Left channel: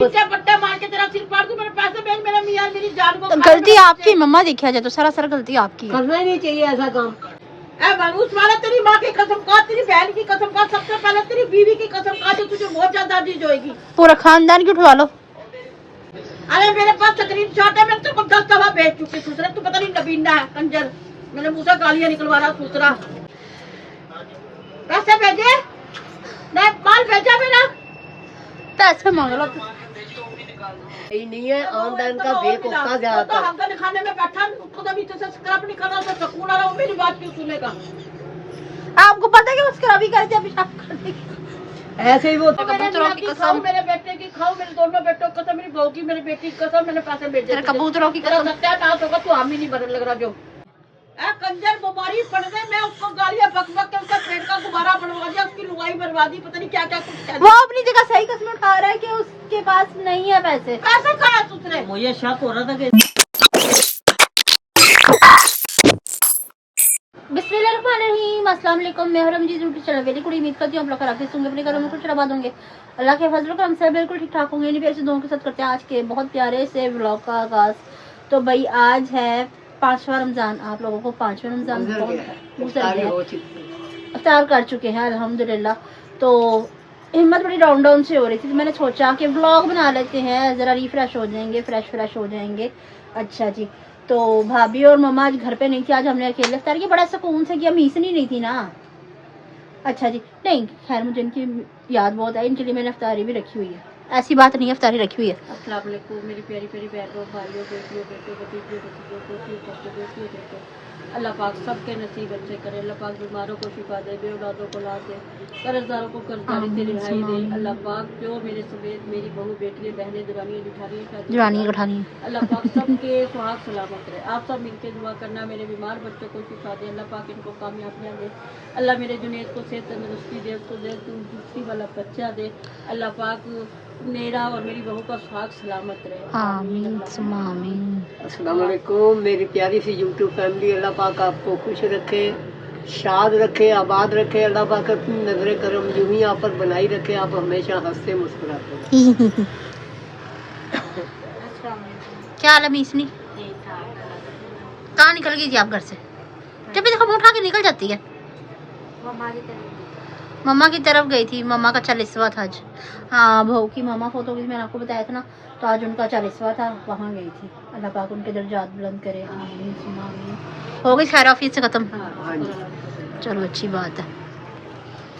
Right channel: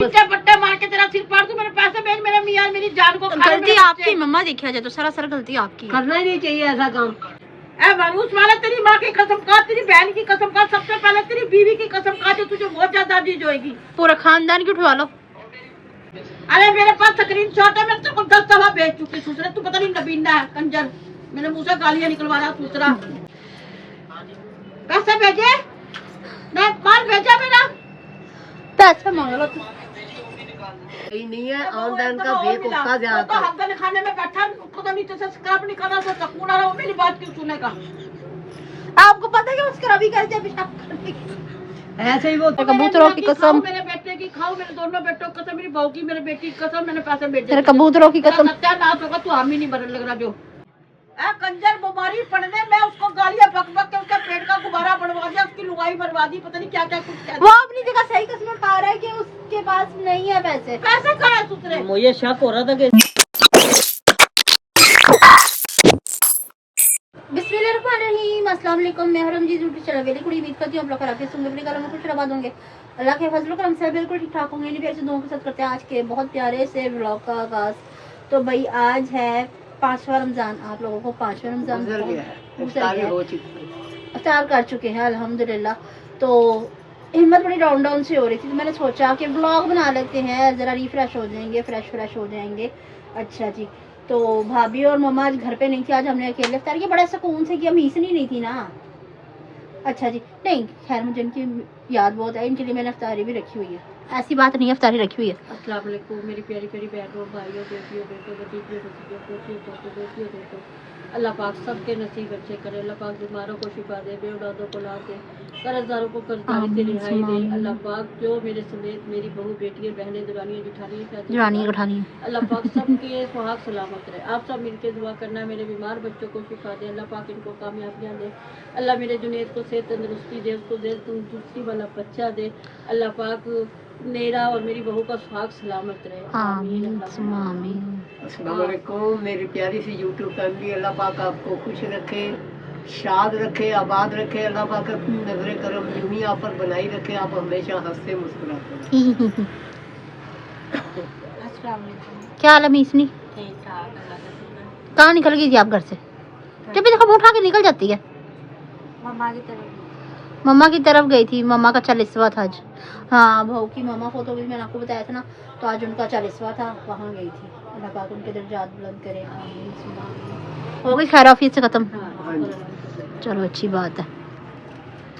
पट्टे मार के तेरा सिर फाड़ दूं, मेरे पैसे भेज, मेरे मियां मेरी जान को। गलती आपकी मम्मा, देखा जाए तो सरासर गलती आपकी है। करना ही नहीं चाहिए ऐसा काम। ए मायूस वाला, तेरी माँ की कसम खा, तेरी बहन की कसम खा, सबसे पहले तेरी बीवी की कसम खा, जो तुझे बहुत ज्यादा चीज होगी। पूरा खानदान की उठवा लो। अरे मेरे पास स्क्रीन शॉट है, मैंने तुमको 10 दफा भेज चुकी। दूसरा तू पता नहीं नबीना है कंजर, मेरे मुंह से गालियां निकलवा रहा। दूसरा पैसे भेजे, नहीं माल भेजा मेरा, पैसे मांग लो। यही नहीं है ऑनलाइन का फेक होता ज्यादा। हमने खाने में बैठा, उसको तो नीचे से स्क्रब नहीं करना, तो सकून आ रहा हो, मेरी बात क्यों सुनेगा? आपको पता है कि उसका अभी कर दिया पेशाब करने की। ऐसे ही वो कबूतरों की कसम, मेरे बेटे की खाओ, मेरे दोनों बेटों की कसम, मेरी बहू की, मेरे बेटी की कसम, मैंने पैसे भेजे। कबूतरों की कसम, सत्यानाश होगा, तू हामी नहीं बदल लग रहा जो। कंजर बीमारी पड़ने में उसको गालियां बक बक के उसका पेट का गुब्बारा बनवा दिया, उसकी लुगाई बर्बादी, पता नहीं क्या क्या कुछ। वो अपनी जगह सही कसम उठा रहा है कि उसके पास नहीं है पैसे। पैसा कहाँ है दूसरे? मुझे शक हो रहा था कि बिस्मिल्लाहिर्रहमानिर्रहीम, अस्सलाम वालेकुम। मैं हरमजीत यूट्यूब चैनल वेरी गुड, उम्मीद करती हूँ आप लोग खराब होंगे, अपने घरों में कुछ आबाद होंगे, अल्लाह के फजल करम से बिल्कुल ठीक ठाक होंगे। इन प्यारे दुआओं के साथ करते हैं आज के बहुत प्यारे से व्लॉग का आगाज। तो भाई आज है 5वां रमजान, आप लोगों को 5वां रमजान इफ्तार कर चुके हैं अल्हम्दुलिल्लाह। तो हिम्मत बड़ी डाउन डाउन से हो रही थी, तो मैंने सोचा कि व्लॉग बना लेते हैं, ज़रा रिफ्रेश हो जाएंगे, फ्रेश हो जाएंगे। अच्छा जी, तो भाभी और मम्मा आज घर पे नहीं थी, आज हमने अकेले इफ्तार किया, बड़ा सुकून से किया, मीसनी नहीं थी ना। अच्छा जी, नहीं खैर मुझे इनकी याद बहुत है, इनके लिए मैंने इफ्तारी भी रखी हुई है, ऐसी बात नहीं है, इफ्तारी रखी हुई है। अस्सलाम वालेकुम मेरी प्यारी प्यारी बहनों, भाइयों, बेटियों, बेटों, अल्लाह पाक सबके नसीब अच्छे करे, अल्लाह पाक बीमारों को शिफा दे, बेऔलादों को ला दे, कर्जदारों को कर्जदारी से रिहाई दे, अल्लाह पाक जो मेरे समेत मेरी बहू, बेटियां, बहनें, दुरानियां, जिठानियां, अल्लाह पाक सबके सुहाग सलामत रहे। आप सब मिलके दुआ करना, मेरे बीमार बच्चों को शिफा दे, अल्लाह पाक इनको कामयाबियां दे, अल्लाह मेरे जुनैद को सेहत तंदुरुस्ती दे, उसको दे तंदुरुस्ती वाला बच्चा दे, अल्लाह पाक मेरा और मेरी बहू का सुहाग सलामत रहे। आमीन आमीन। अस्सलाम वालेकुम मेरी प्यारी सी यूट्यूब फैमिली, अल्लाह पाक आपको खुश रखे, शाद रखे, आबाद रखे, अल्लाह पाक अपनी नजर करम यूं ही आप पर बनाई रखे, आप हमेशा हंसते मुस्कुराते रहें। क्या हाल है मीसनी? कहाँ निकल गई थी आप घर से? जब भी देखो मुँह उठा के निकल जाती है। मम्मा की तरफ गई थी, मम्मा का 40वां था आज। हाँ बहू की मम्मा फोटो मैंने आपको बताया था ना, तो आज उनका 40वां था, वहाँ गई थी। अल्लाह पाक उनके दर्जात बुलंद करे। आमीन। हो गई खैर ऑफिस से खत्म? चलो अच्छी बात है।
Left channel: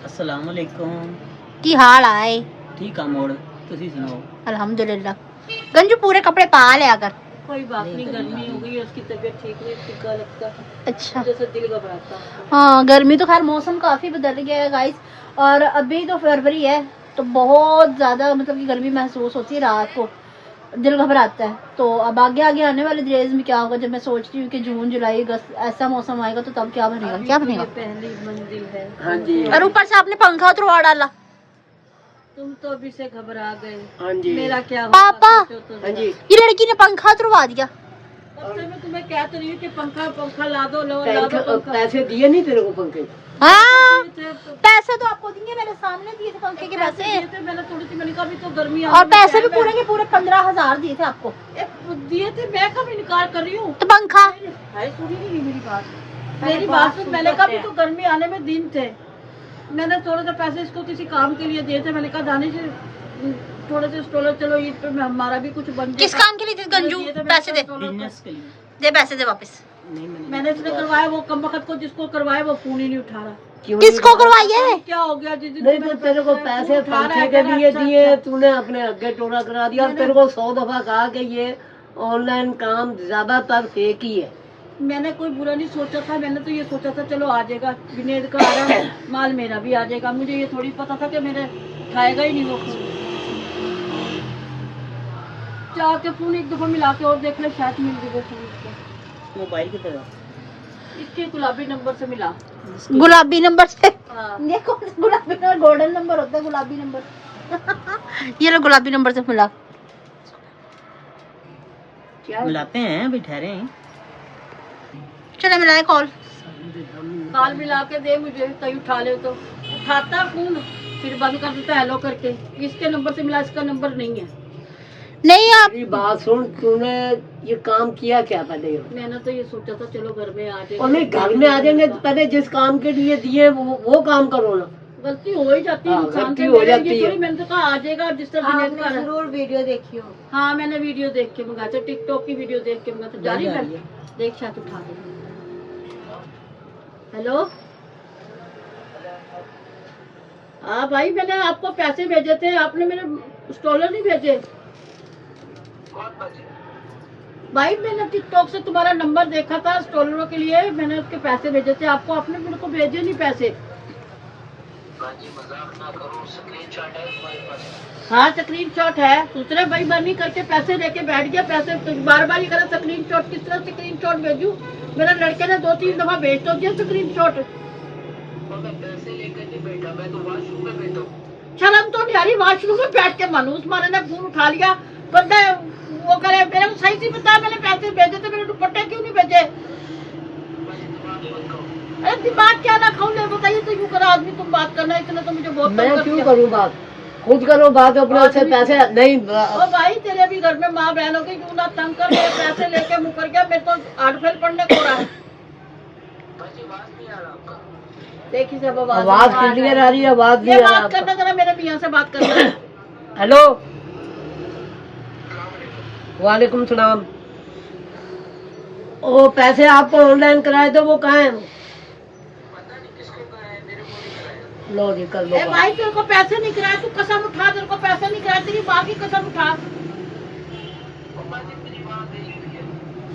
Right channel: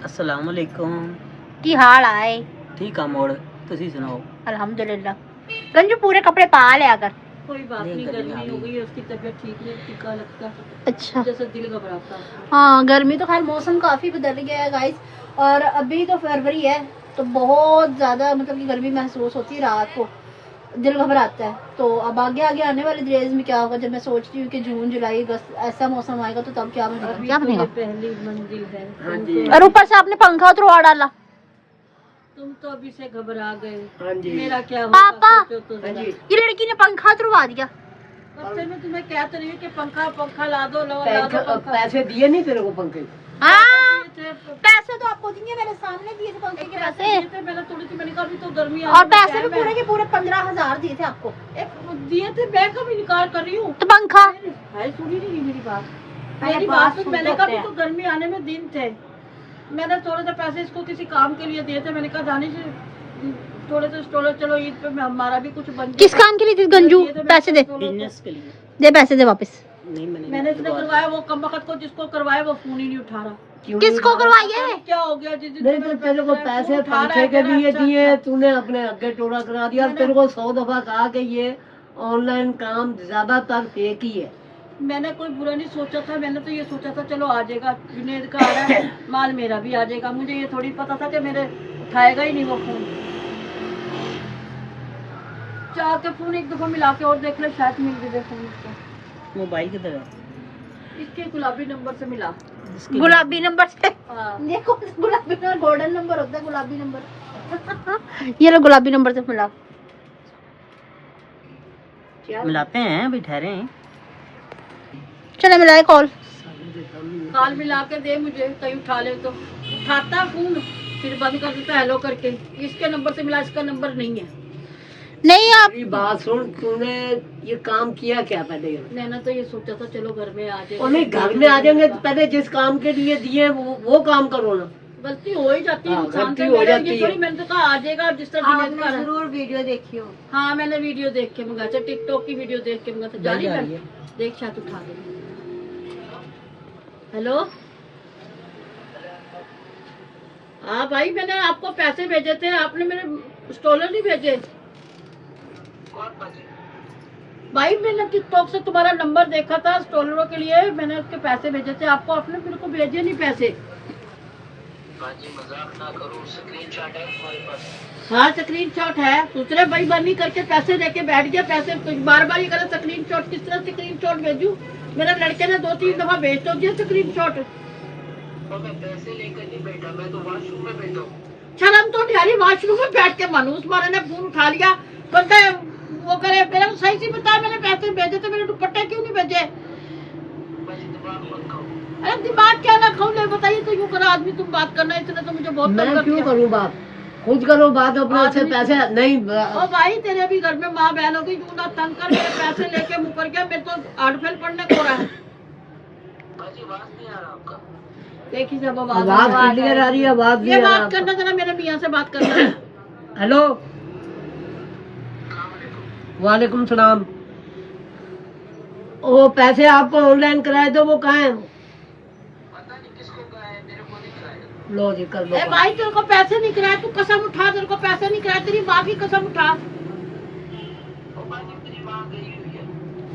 अस्सलाम वालेकुम, की हाल आए? ठीक है मोड़, तुसी सुनाओ? अल्हम्दुलिल्लाह। गंजू पूरे कपड़े पा ले आकर। कोई बात नहीं, गर्मी हो गई है, उसकी तबीयत ठीक नहीं, टिक्का लगता है, अच्छा जैसे दिल घबराता है। हाँ गर्मी तो खैर मौसम काफ़ी बदल गया है गाइस, और अभी तो फरवरी है, तो बहुत ज़्यादा मतलब कि गर्मी महसूस होती है, रात को दिल घबराता है। तो अब आगे आगे आने वाले डेज में क्या होगा, जब मैं सोच रही हूँ कि जून जुलाई अगस्त ऐसा मौसम आएगा, तो तब क्या बनेगा? क्या बनेगा? पहली मंजिल है। हाँ जी। और ऊपर से आपने पंखा उतरवा डाला। तुम तो अभी से घबरा गए। हाँ जी। मेरा क्या पापा, हाँ जी। ये लड़की ने पंखा उतरवा दिया। अब से मैं तुम्हें कहती रही हूँ कि पंखा ला दो, ला दो पंखा। पैसे दिए नहीं तेरे को पंखे? हाँ पैसे तो आपको दिए, मेरे सामने दिए थे पंखे के पैसे। मैंने थोड़ी सी, मैंने कहा अभी तो गर्मी और पैसे भी पूरे के पूरे 15,000 दिए थे आपको। दिए थे, मैं कभी इनकार कर रही हूँ? तो पंखा है, सुनी नहीं मेरी बात? मेरी बात सुन, मैंने कहा तो गर्मी आने में दिन थे, मैंने थोड़े से पैसे इसको किसी काम के लिए दिए थे, मैंने कहा जाने से थोड़े से चलो ईद पे हमारा भी कुछ बन। किस काम के लिए थी गंजू? पैसे दे, बिजनेस के लिए। दे पैसे दे वापस। नहीं मैंने इसने करवाया, वो कम वक्त को जिसको करवाया वो फोन ही नहीं उठा रहा। किसको करवाइए? क्या हो गया? नहीं तो तेरे को पैसे पंखे के लिए दिए, तूने अपने आगे टोड़ा करा दिया। तेरे को 100 दफा कहा कि ये ऑनलाइन काम ज्यादातर फेक ही है। मैंने कोई बुरा नहीं सोचा था, मैंने तो ये सोचा था चलो आ जाएगा, जुनेद का आ रहा है माल, मेरा भी आ जाएगा। मुझे ये थोड़ी पता था कि मेरे उठाएगा ही नहीं वो फोन। चाह के फोन एक दफा मिला के और देख ले, शायद मिल भी देखो मोबाइल की तरह इसके गुलाबी नंबर से मिला। गुलाबी नंबर से? हाँ। देखो गुलाबी नंबर गोल्डन नंबर होता है, गुलाबी नंबर। ये लो गुलाबी नंबर से मिला। मिलाते हैं, अभी ठहरे हैं। चलो मिलाए कॉल मिला के दे मुझे, कहीं उठा ले तो उठाता फोन, फिर बंद कर देता हेलो करके। इसके नंबर से मिला, इसका नंबर नहीं है। नहीं आप मेरी बात सुन, तूने ये काम किया क्या पहले? मैंने तो ये सोचा था चलो घर में आ जाए, और नहीं, घर में आ जाएंगे तो पहले जिस काम के लिए दिए वो काम करो ना। गलती हो ही जाती है हाँ, इंसान गलती से। हो मेरे जाती ये है। थोड़ी मैंने तो कहा आ जाएगा जिस तरह आपने दिनेश का है। जरूर वीडियो देखी हो। हाँ मैंने वीडियो देख के मंगाया था, टिकटॉक की वीडियो देख के मंगाया था। जा रही है, देख शायद उठा दे। हेलो हाँ भाई, मैंने आपको पैसे भेजे थे, आपने मेरे स्टॉलर नहीं भेजे। भाई मैंने टिकटॉक से तुम्हारा नंबर देखा था स्टॉलरों के लिए, मैंने उसके पैसे भेजे थे आपको, आपने मेरे को भेजे नहीं पैसे। हाँ स्क्रीन शॉट है, दूसरे भाई बनी करके पैसे लेके बैठ गया। पैसे बार बार ये करे स्क्रीन शॉट, किस तरह स्क्रीन शॉट भेजू? मेरे लड़के ने 2-3 दफा भेज तो दिया स्क्रीन शॉट। पैसे लेकर नहीं बैठा, मैं तो वॉशरूम में बैठा हूँ। शर्म तो नहीं आ रही, वॉशरूम में बैठ के मनूस मारे ने फोन उठा लिया, बंदा वो करे। मेरे को सही से बताया, मैंने पैसे भेजे थे, मेरे दुपट्टे क्यों नहीं भेजे? अरे दिमाग क्या ना खाऊं, ले बताइए तो यूं करा आदमी, तुम बात करना, इसने तो मुझे बहुत तंग मैं कर क्यों दिया। करूँ बात? खुद करो बात अपने से। पैसे नहीं ओ भाई तेरे भी घर में माँ बहनों की क्यों ना तंग कर, मेरे पैसे लेके मुकर गया, मेरे तो 8 फेल पढ़ने को रहा है। देखिए जब आवाज क्लियर आ रही है, आवाज ये नहीं आ बात रहा। करना, जरा मेरे मियाँ से बात करना। हेलो, वालेकुम सलाम। ओ पैसे आपको ऑनलाइन कराए थे, वो कहाँ है? लो जी, कर लो ए भाई तेरे को पैसे नहीं कराए, तू कसम उठा, तेरे को पैसे नहीं कराए, तेरी माँ की कसम उठा।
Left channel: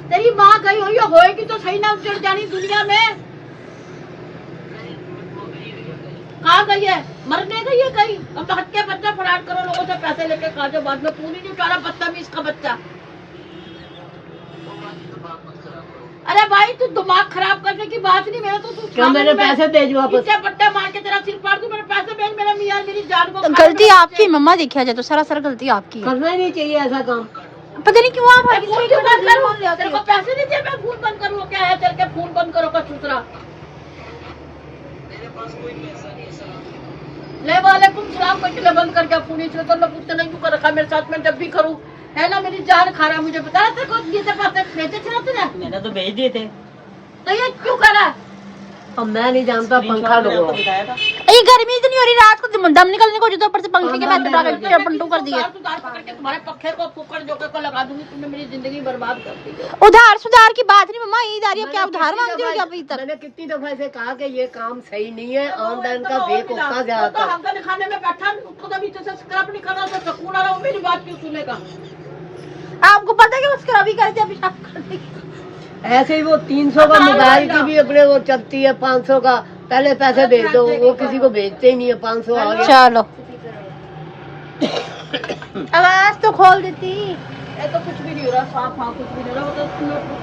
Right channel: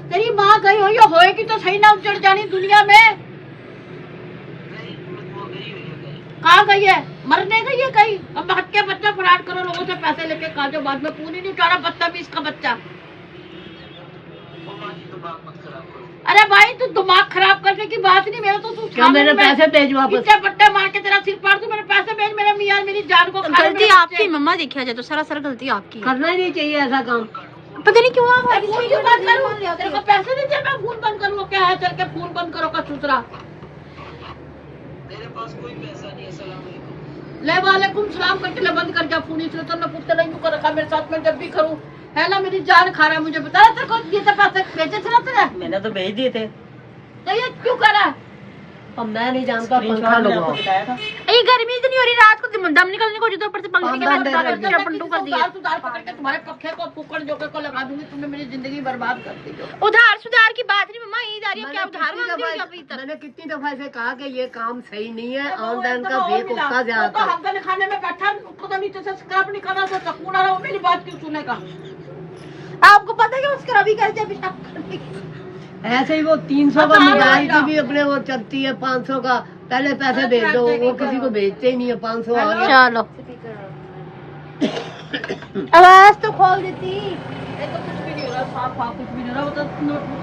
तेरी माँ गई हुई है, होएगी तो सही ना उजड़ जानी दुनिया में। कहाँ गई है? मरने गई है कहीं? अब हक के बच्चा फराड करो लोगों से पैसे लेके, कहा जो बाद में फोन ही नहीं उठा रहा, बदतमीज का बच्चा। अरे भाई तू दिमाग खराब करने की बात नहीं, मेरा तो तू क्या मेरे पैसे भेज वापस? पीछे पट्टे मार के तेरा सिर फाड़ दूं, मेरे पैसे भेज, मेरे मियाँ मेरी जान को खा ले, गलती मेरे आपकी बच्चे। मम्मा, देखा जाए तो सरासर गलती आपकी है। करना ही नहीं चाहिए ऐसा काम। पता नहीं क्यों आप हर फोन क्यों बंद करूं? तेरे को पैसे नहीं दिए, मैं फोन बंद करूँ क्या है? चल के फोन बंद करो का दूसरा। मेरे पास कोई पैसा नहीं है, सलाम। ले वालेकुम सलाम करके ले बंद कर जा फोन, इसलिए तो मैं पूछते नहीं क्यों कर रखा मेरे साथ में, जब भी करूँ है ना मेरी जान खा रहा है। मुझे बता तेरे को ये तो पैसे भेजे थे ना तुझे? मैंने तो भेज दिए थे। तो ये क्यों करा? अब मैं नहीं जानता, पंखा लगवाओ। ये गर्मी तो नहीं हो रही, रात को दम निकलने को जो तो ऊपर से पंखे के बाद डाल के पंटू कर दिया। सुधार पकड़ के तुम्हारे पक्के को कुकर जोकर को लगा दूंगी, तुमने मेरी जिंदगी बर्बाद कर दी। जो उधार सुधार की बात नहीं मम्मा, ईद आ रही है, क्या उधार मांगते हो क्या अभी तक? मैंने कितनी दफा से कहा कि ये काम सही नहीं है, ऑनलाइन का बेवकूफा तो ज्यादा। हमने खाने में बैठा, उसको तो नीचे से स्क्रब नहीं करना, तो सकून आ रहा हो, मेरी बात क्यों सुनेगा? आपको पता है कि उसका अभी कर दिया पेशाब करने की। ऐसे ही वो 300 का मोबाइल की भी अपने वो चलती है, 500 का पहले पैसे भेज दो, वो किसी को भेजते ही नहीं है। 500 आ गया। चलो आवाज तो खोल देती। ये तो कुछ भी नहीं हो रहा, साफ वहाँ कुछ भी नहीं हो रहा, वो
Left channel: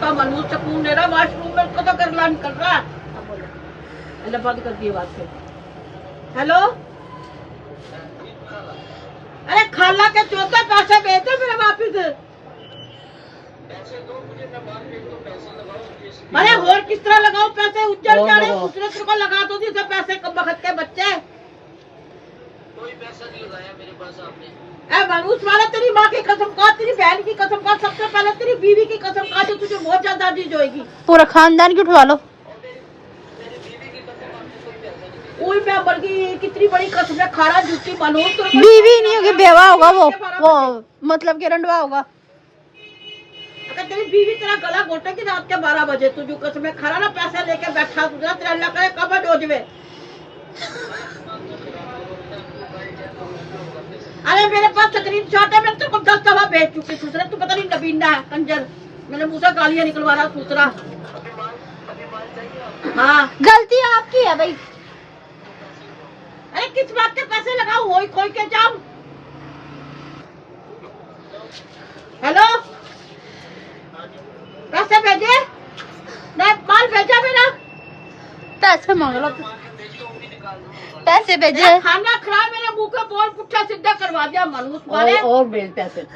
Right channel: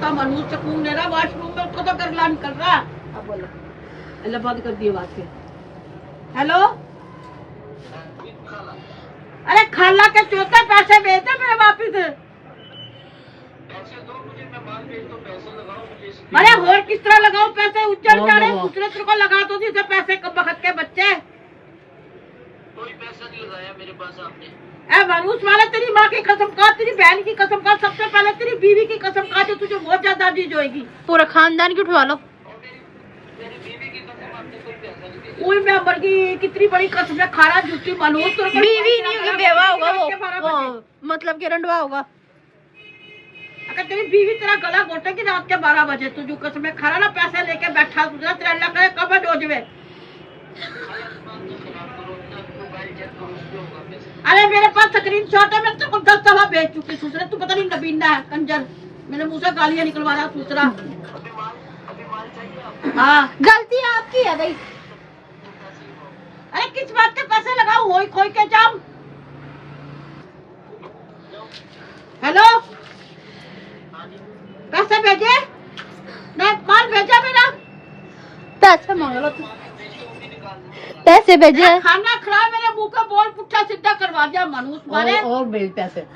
तो मनूस सकून नहीं रहा, वॉशरूम में उसको तो गरला निकल रहा है। अब बोलो, अल्लाह बंद कर दिए बात के। हेलो, अरे खाला के चौथे पैसे भेजते मेरे वापिस। अरे और किस तरह लगाओ पैसे? उज्जड़ जा रहे, दूसरे तरह को लगा दो जिसे पैसे कब बखत के बच्चे। कोई पैसा नहीं लगाया मेरे पास आपने। ए मनूस वाला, तेरी माँ की कसम खा, तेरी बहन की कसम खा, सबसे पहले तेरी बीवी की कसम खा, जो तुझे बहुत ज्यादा चीज होगी। पूरा खानदान की उठवा लो। कोई मैं मर गई, कितनी बड़ी कसम है, खारा झूठी मनूस। बीवी नहीं होगी, बेवा होगा वो मतलब के रंडवा होगा। अगर तेरी बीवी तेरा गला घोटेगी रात के 12 बजे, तुझे कसम है, खारा ना पैसे लेके बैठा, तुझे तेरा अल्लाह करे कब डोजवे। अरे मेरे पास स्क्रीन शॉट है, मैं तेरे को 10 दफा भेज चुकी दूसरे, तू पता नहीं नबीना है कंजर, मेरे मुंह से गालियां निकलवा रहा दूसरा। हाँ गलती आपकी है भाई। अरे किस बात के पैसे लगाओ, होई खोई के जाऊं? हेलो, पैसे भेजे? नहीं, माल भेजा मेरा? पैसे मांग लो, पैसे भेजे। खाना खराब, मेरे मुंह का बोल पुट्ठा सीधा करवा दिया मनूस मारे। और भेज पैसे।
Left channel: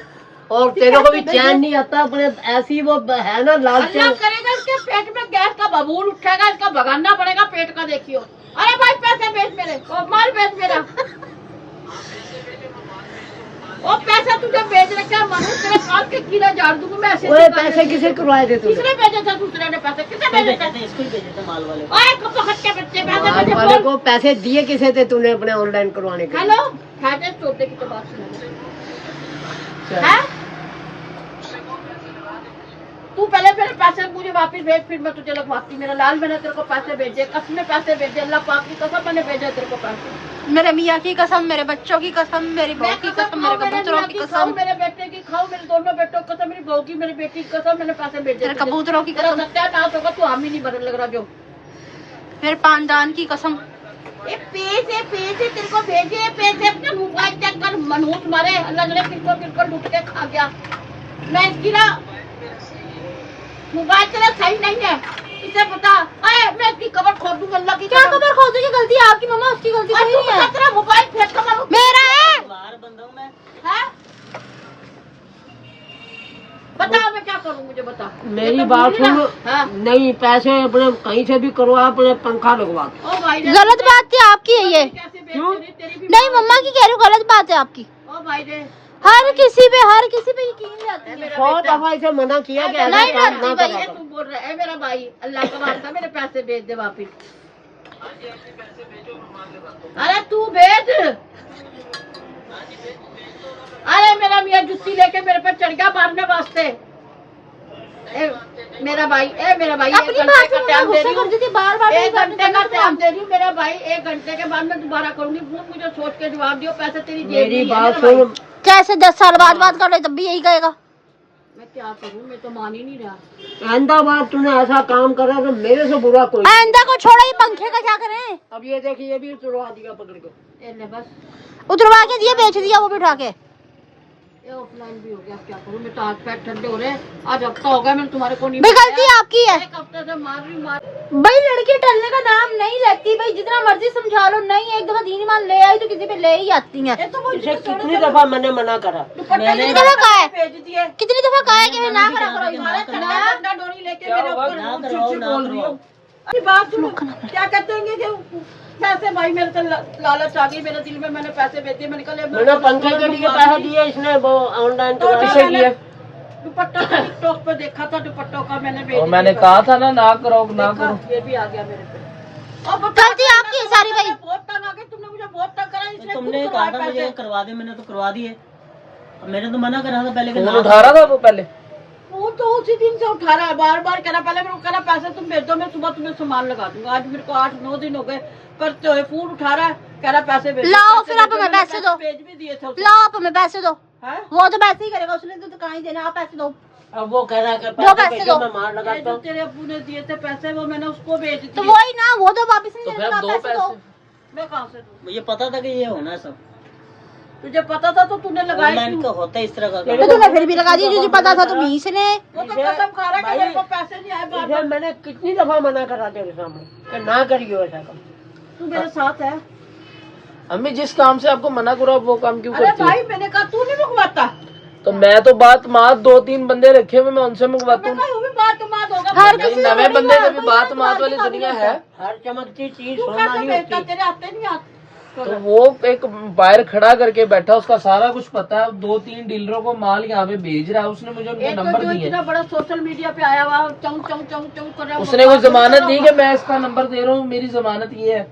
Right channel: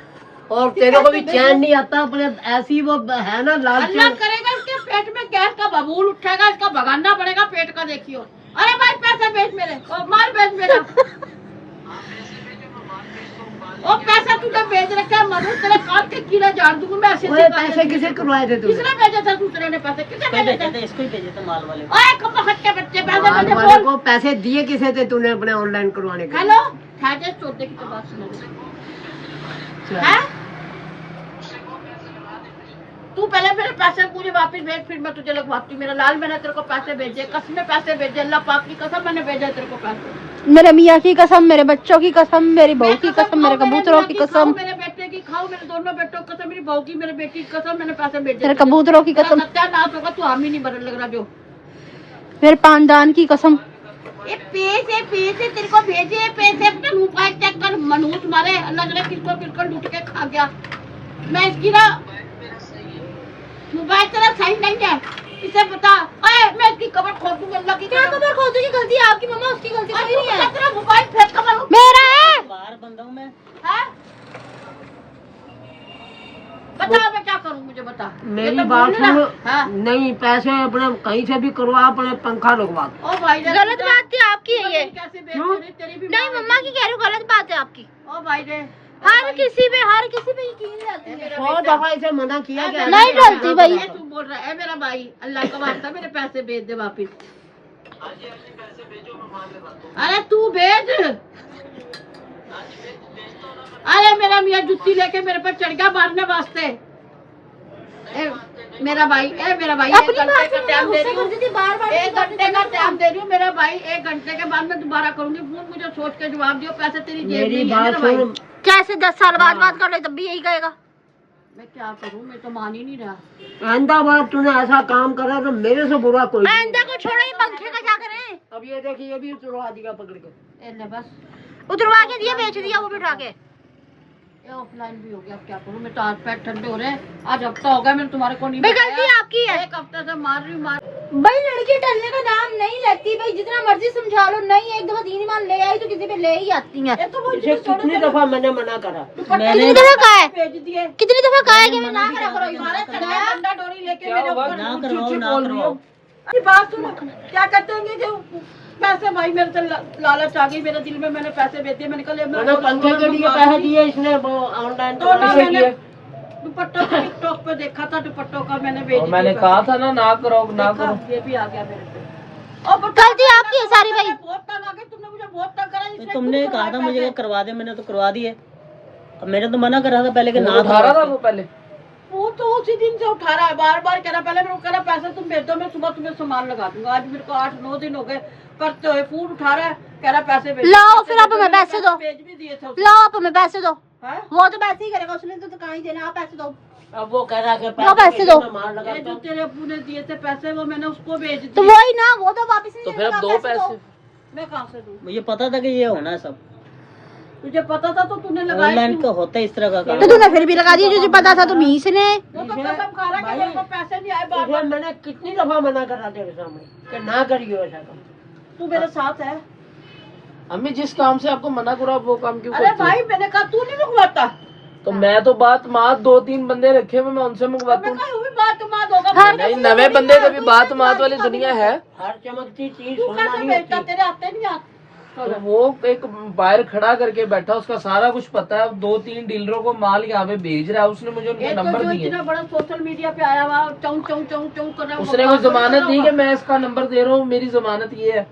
और तेरे को भी चैन नहीं आता अपने, ऐसी वो है ना लालच। अल्लाह करेगा इसके पेट में गैस का बबूल उठेगा, इसका भगाना पड़ेगा पेट का, देखियो। अरे भाई पैसे भेज मेरे, माल भेज मेरा। वो पैसा तुझे भेज रखा है मनूस, कीड़ा झाड़ दूंगी मैं ऐसे। ओए पैसे किसे करवाए थे किसने भेजा था? दूसरे ने पैसे किसने भेजे थे? इसको भेजे थे माल वाले। ओए कब हट्टे बच्चे पैसे माल भेजे वाले बोल। को पैसे दिए किसे थे तूने अपने ऑनलाइन करवाने के? हेलो ठाटे चोटे की तो बात सुना दे। हैं? तू पहले मेरे पैसे मुझे वापस भेज, फिर मैं तुझे लगवाती। मेरा लाल मैंने तेरे को पैसे भेजे, कसम पैसे भेजे, अल्लाह पाक की कसम मैंने भेजा तेरे को पैसे। मेरे मियाँ की कसम, मेरे बच्चों की कसम, मेरी बहू की कसम, मेरे कबूतरों की कसम, मेरे बेटे की खाओ, मेरे दोनों बेटों की कसम, मेरी बहू की, मेरे बेटी की कसम, मैंने पैसे भेजे। मेरे कबूतरों की कसम, सत्यानाश होगा, तू हामी नहीं बदल लग रहा जो। मेरे पानदान की कसम। ये पैसे पैसे तेरे को भेजे, पैसे अपना मोबाइल चेक कर, मनहूस मारे, अल्लाह जाने किसको लूट के खा गया। मैं इसकी ना मोबाइल तेरा सही नहीं है, इसे बता। अरे मैं इसकी कवर खोल दूंगा, अल्लाह की क्या कबर खोदने की गलती है आपकी मम्मा? उसकी गलती कोई नहीं है। तेरा मोबाइल फेंक कर मारूं। मेरा है। बाहर बंदा हूं मैं। हैं? बता मैं क्या करूं, मुझे बता। मेरी बात सुन। हाँ। नहीं पैसे अपने कहीं से भी करवा, अपने पंखा लगवा। ओ भाई रे, गलत बात है आपकी है ये। कैसे बेच क्यों? रही तेरी भी नहीं मम्मा की कह रही हूँ, गलत बात है आपकी। ओ भाई रे, हर किसी पे यकीन रहती है। 100 दफा इसे मना किया कि नहीं करती भाई। ये तू बोल रहा है मेरा भाई, अल्लाह का वास्ता मेरे पैसे भेज दे वापिस। अरे तू भेज। अरे मेरा मियाँ जुत्ती लेके मेरे पे चढ़ गया मारने वास्ते। मेरा भाई अपनी बात ही नहीं गुस्सा कर देती बार-बार। एक घंटे का टाइम दे रही हूँ मेरा भाई, 1 घंटे के बाद मैं दोबारा करूंगी फोन। मुझे सोच के जवाब दियो, पैसे तेरी जेब में मेरी ही है बात मेरा भाई। सुन। कैसे 10 साल बाद बात कर ले तब भी यही कहेगा। मैं क्या करूँ, मैं तो मान ही नहीं रहा। आइंदा बार तूने ऐसा काम करा तो मेरे से बुरा कोई नहीं। आइंदा को छोड़ो, ये पंखे का क्या करें? अब ये देखिए, ये भी उतरवा दिया पकड़ के। ए ले बस, उतरवा के दिया, बेच दिया वो बिठा के। ये ऑफलाइन भी हो गया, अब क्या करूँ। मैं तो हाथ पैर ठंडे हो रहे हैं। आज हफ्ता हो गया मैंने तुम्हारे को नहीं भी बताया। गलती आपकी है। 1 हफ्ते से मार रही हूँ। भाई लड़की टलने का नाम नहीं लेती भाई, जितना मर्जी समझा लो। नहीं एक दफा दीन ईमान ले आई तो किसी पे ले ही आती है। ये तो वो इसे कितनी दफा मैंने मना करा। कितनी दफा कहा है? भेज दिए। कितनी दफा कहा है कि मैं ना करा करो ये? डंडा डोरी लेके मेरे ऊपर ना चिड़ करवाओ, चिड़ ना बोल रही हो। करवाओ। अरे बात सुनो, क्या कहते हैं कि पैसे भाई मेरे से लालच आ गई मेरे दिल में। मैंने पैसे भेजे, मैंने कहा मैंने पंखे के लिए पैसा दिया, इसने वो ऑनलाइन करवा दिया। दुपट्टा टिकटॉक पे देखा था, दुपट्टों का मैंने भेज दिया। मैंने कहा था ना करो ना देखा, करो। ये भी आ गया मेरे पे। और गलती आपकी है सारी भाई। बहुत तंग आ गई, तुमने मुझे बहुत तंग करा। इसने तुमने खुद कहा था करवाए मुझे पैसे। करवा दे, मैंने तो करवा दिए। अब मैंने तो मना करा था पहले कि फोन ना उठा रहा था वो पहले। वो तो उसी दिन से उठा रहा है, बार बार कह रहा। पहले मेरे को कह रहा पैसे तुम भेज दो, मैं सुबह तुम्हें सामान लगा दूंगा। आज मेरे को 8-9 दिन हो गए करते हुए। फोन उठा रहा है, कह रहा पैसे भेज। लाओ फिर आप हमें पैसे दो। भेज भी दिए थे उसने। लाओ आप हमें पैसे दो। हैं? वो तो पैसे ही करेगा, उसने तो कहाँ ही देना। आप पैसे दो। अब वो कह रहा है कि वो पैसे भेजो, दो। मैं मार ये लगाता जो हूँ। तेरे अब्बू ने दिए थे पैसे, वो मैंने उसको भेज तो दिए। वही ना, वो तो वापस नहीं तो देगा। फिर आप दो पैसे दो। पैसे। मैं कहाँ से दूँ? मुझे पता था कि ये होना है सब। तुझे पता था तो तूने लगाया ऑनलाइन क्यों? का होता है इस तरह का काम। तो तूने फिर भी लगा दिया, तुझे पता था तो 20 ने। वो तो कसम खा रहा है कि मेरे को पैसे नहीं आए बार इसे बार। मैंने कितनी दफा मना करा तेरे सामने कि ना करियो ऐसा काम। तू मेरे साथ है। अम्मी जिस काम से आपको मना करो वो काम क्यों अरे करती भाई हो? मैंने कहा तू नहीं मंगवाता। तो मैं तो बात मात 2-3 बंदे रखे हुए, मैं उनसे तो मंगवाता मैं हूँ। कहा वो भी बात मात होगा। हर नहीं, किसी नवे को बंदे नहीं का है, भी कोई बात कोई मात वाली काबिल दुनिया है। हर चमकती चीज तू सोना कैसे नहीं भेजता? होती। तेरे आते नहीं आते। तो वो एक बाहर खड़ा करके बैठा, उसका सारा कुछ पता है। 2-3 डीलरों को माल यहाँ पे भेज रहा है, उसने मुझे उनके एक तो नंबर जो दिए। इतना बड़ा सोशल मीडिया पे आया हुआ चौं चौं चौं चौं कर रहा है। उसने कोई जमानत दी कि मैं इसका नंबर दे रहा हूँ, मेरी जमानत ये है।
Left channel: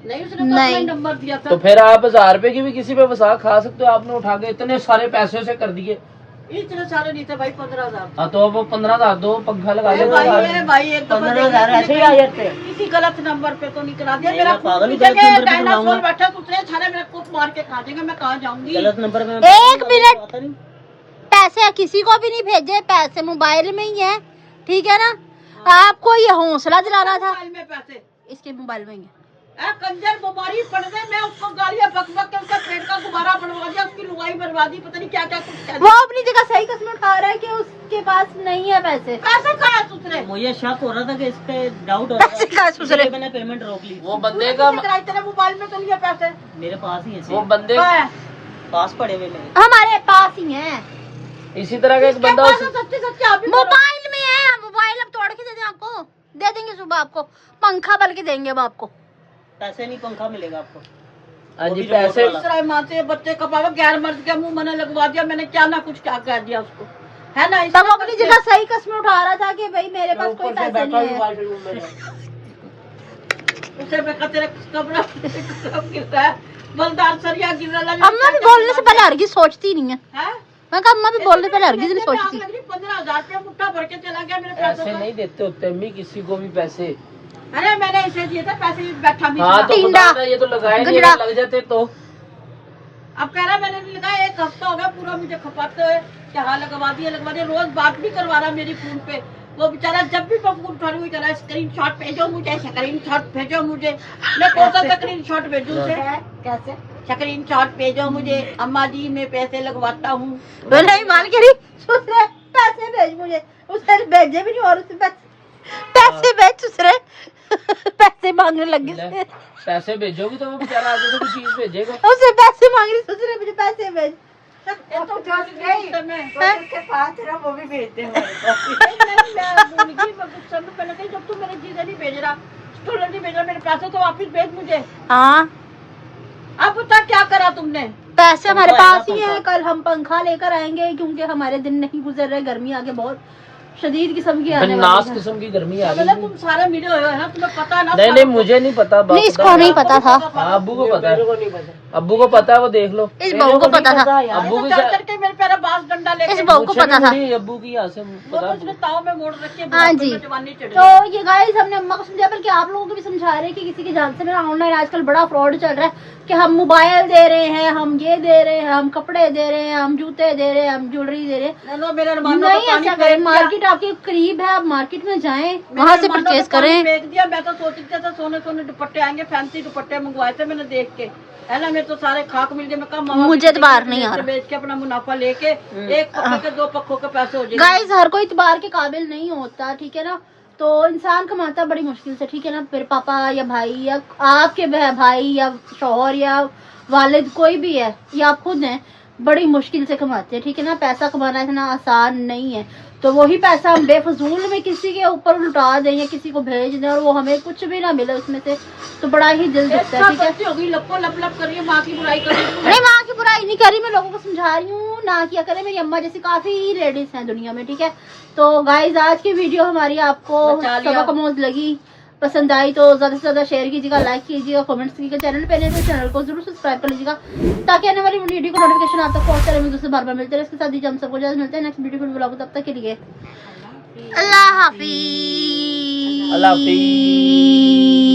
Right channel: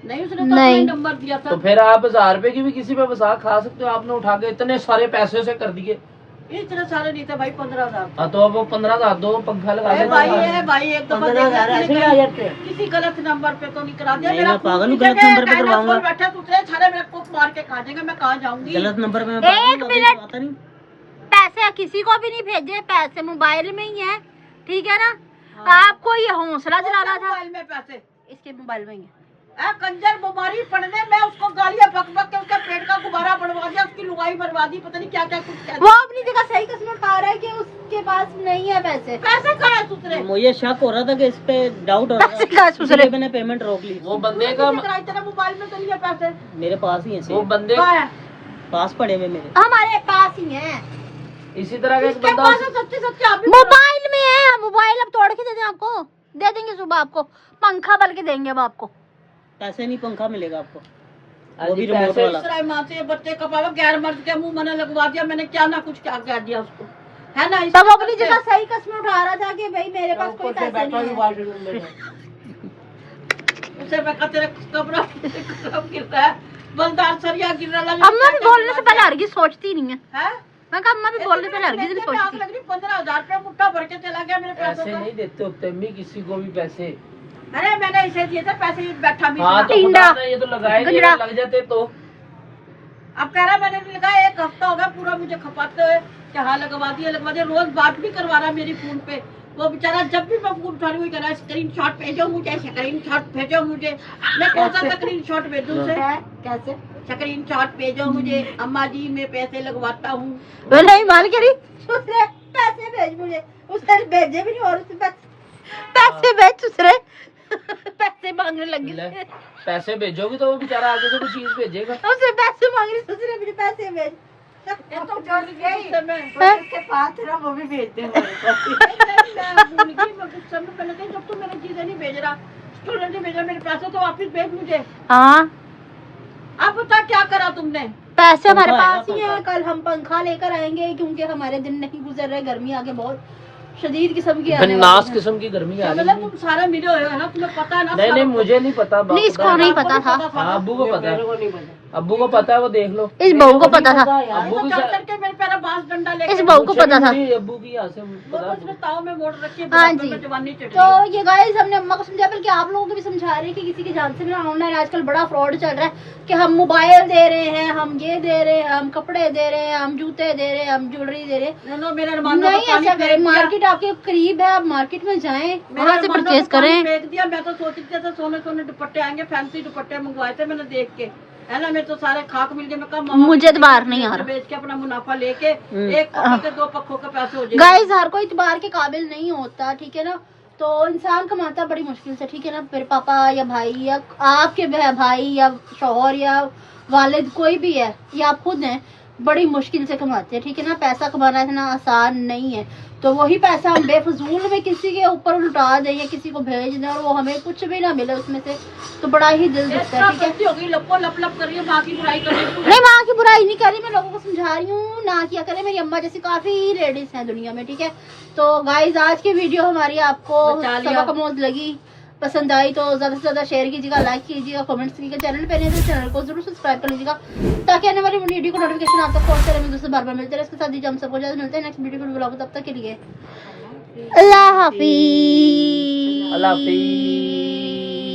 नहीं, उसने तो अपना नंबर दिया था। तो फिर आप 1000 रुपए की भी किसी पे वसा खा सकते हो। आपने उठा के इतने सारे पैसे से कर दिए। इतने सारे नहीं थे भाई, 15,000। हाँ तो अब वो 15,000 दो, पंखा लगा अरे लो। भाई ये भाई एक दफा 15,000 ऐसे ही आ जाते हैं। किसी गलत नंबर पे तो नहीं करा दिया। नहीं, मेरा मैं पागल हूँ, पूछे गलत नंबर पे डायनासोर करवाऊंगा। बैठे दूसरे सारे मेरे को मार के खा जाएंगे। मैं कहाँ जाऊंगी? गलत नंबर पे एक मिनट। आता नहीं। पैसे किसी को भी नहीं भेजे, पैसे मोबाइल में ही है, ठीक है ना। आपको ये हौसला दिलाना था। मोबाइल में पैसे इसके मोबाइल में ही है। कंजर बीमारी पड़ने में उसको गालियां बक बक के उसका पेट का गुब्बारा बनवा दिया, उसकी लुगाई बनवा दी, पता नहीं क्या क्या कुछ कर वो अपनी जगह सही कसम उठा रहा है कि उसके पास नहीं है पैसे। पैसा कहाँ है दूसरे? मुझे शक हो रहा था कि इस पे डाउट हो रहा पैसे कहाँ है दूसरे? इसलिए मैंने पेमेंट रोक ली। वो बंदे का तेरे मोबाइल में तो नहीं है पैसे। मेरे पास ही है वो बंदे कहाँ है? पास पड़े हुए मेरे। हमारे पास ही है। इसी तरह का एक किसके बंदा पास है? सच्ची सच्ची आप भी बोलो। मोबाइल में है। मोबाइल अब तोड़ के दे दें आपको, दे देंगे सुबह आपको। पंखा बल के देंगे अब आपको। पैसे नहीं, पंखा मिलेगा आपको। हाँ वो जी, भी रिमोट पैसे वाला। दूसरा माँ से बच्चे का पापा गैर मर्द के मुंह मैंने लगवा दिया। मैंने क्या ना कुछ क्या कह दिया उसको। है ना। तब अपनी जगह सही कस्म उठा रहा था कि भाई मेरे पास कोई पैसे नहीं है। उसे मैं तेरे कमरा गिर रहा है, बलदार सरिया गिर रहा है। अम्मा भी बोलने से पहले हरगिज सोचती नहीं है। हैं? मैं कहा अम्मा भी बोलने से पहले हरगिज नहीं सोचती। 15,000 रुपया मुट्ठा भर के चला गया मेरे पैसों ऐसे का। नहीं देते होते अम्मी किसी को भी पैसे। अरे मैंने इसे दिए थे पैसे, बैठा भी हाँ था। तो टिंडा। पता था, ये तो लगाए नहीं, गजरा। अगर लग जाते तो। अब कह रहा मैंने नहीं लगाया, 1 हफ्ता हो गया पूरा मुझे खपाते हुए कि हाँ लगवा दिया। रोज बात भी करवा रहा मेरी फोन पे वो बेचारा। जब भी मैं फोन उठा रही हूँ कह रहा स्क्रीनशॉट भेजो मुझे, स्क्रीनशॉट भेजो मुझे। मैं कौन सा स्क्रीनशॉट भेजूं उसे? कैसे स्क्रीनशॉट भेजो मुझे, अम्मा जी मैं पैसे लगवाता हूँ। नहीं मान के दूसरे पैसे भेज मुझे, उसने भेजे भी नहीं और उससे पैसे भेज दूसरे पैसे मांगने लगी। पैसे भेजोगी तो वो बेचारा आगे से कोई चीज भेजेगा। उससे पैसे मांग रही दूसरे, मुझे पैसे भेज। ये तो डर गई मैं उसके पास है ना, वो भी भेजते हैं पहले कहीं जब तू मेरी चीजें नहीं भेज रहा, स्टूडेंट नहीं भेज रहा, मेरे पैसे तो वापस भेज मुझे। हाँ अब बता क्या करा तुमने? पैसे हमारे पास ही हैं। कल हम पंखा लेकर आएंगे क्योंकि हमारे दिन नहीं गुजर रहे, गर्मी आगे बहुत शदीद किस्म की आने वाली नास है। किस्म की गर्मी आ रही है। तुम सारे मिले हुए हो ना, तुम्हें पता है ना। नहीं नहीं मुझे नहीं पता। नहीं इसको नहीं पता था, हाँ, अब्बू को पता है। अब्बू को पता है, वो देख लो। इस बहू को पता था, अब्बू की करके मेरे पैर बांस डंडा लेके इस बहू को पता था। अब्बू की यहाँ से वो तो उसने ताव में मोड़ रखी है। हाँ जी। जवानी चढ़ी तो ये गाइस हमने अम्मा को समझाया, बल्कि आप लोगों को भी समझा रहे हैं कि किसी की जान से ना, ऑनलाइन आजकल बड़ा फ्रॉड चल रहा है कि हम मोबाइल दे रहे हैं, हम ये दे रहे हैं, हम कपड़े दे रहे हैं, हम जूते दे रहे हैं, हम ज्वेलरी दे रहे हैं। नहीं ऐसा करें, मार्केट आपके करीब है, आप मार्केट में जाएं, वहाँ से परचेज करें। फेंक दिया। मैं तो सोच रही थी सोने सोने दुपट्टे आएंगे, फैंसी दुपट्टे मंगवाए थे मैंने देख के, है ना। मेरे तो सारे खाक मिल गए। मैं कहा मुझे इतबार नहीं आ रहा। बेच के अपना मुनाफा लेके 1 पक्के से 2 पक्कों के पैसे हो जाएंगे। गाइस हर कोई इतबार के काबिल नहीं होता, ठीक है ना। तो इंसान कमाता बड़ी मुश्किल से, ठीक है ना। मेरे पापा या भाई या आपके भाई या शौहर या वालिद कोई भी है या आप खुद हैं, बड़ी मुश्किल से कमाते हैं, ठीक है ना। पैसा कमाना इतना आसान नहीं है। तो वही पैसा हम बेफजूल में किसी के ऊपर लुटा दें या किसी को भेज दें और वो हमें कुछ भी ना मिले उसमें से, तो बड़ा ही दिल दुखता है, ठीक है। होगी लप लप कर रही है, माँ की बुराई कर रही है। नहीं माँ की बुराई नहीं कर रही, मैं लोगों को समझा रही हूँ ना किया करें। मेरी अम्मा जैसी काफी लेडीज हैं दुनिया में, ठीक है। तो गाइज आज की वीडियो हमारी आपको सबक आमोज लगी, पसंद आई तो ज्यादा से ज्यादा शेयर कीजिएगा, लाइक कीजिएगा, कमेंट्स कीजिएगा। चैनल पे नहीं तो चैनल को जरूर सब्सक्राइब कर लीजिएगा ताकि आने वाली वीडियो को नोटिफिकेशन आप तक पहुंचते रहे। दूसरे बार बार मिलते रहे। इसके साथ ही हम सबको ज्यादा मिलते हैं नेक्स्ट वीडियो को ब्लॉग। तब तक के लिए अल्लाह हाफिज। अल्लाह हाफिज।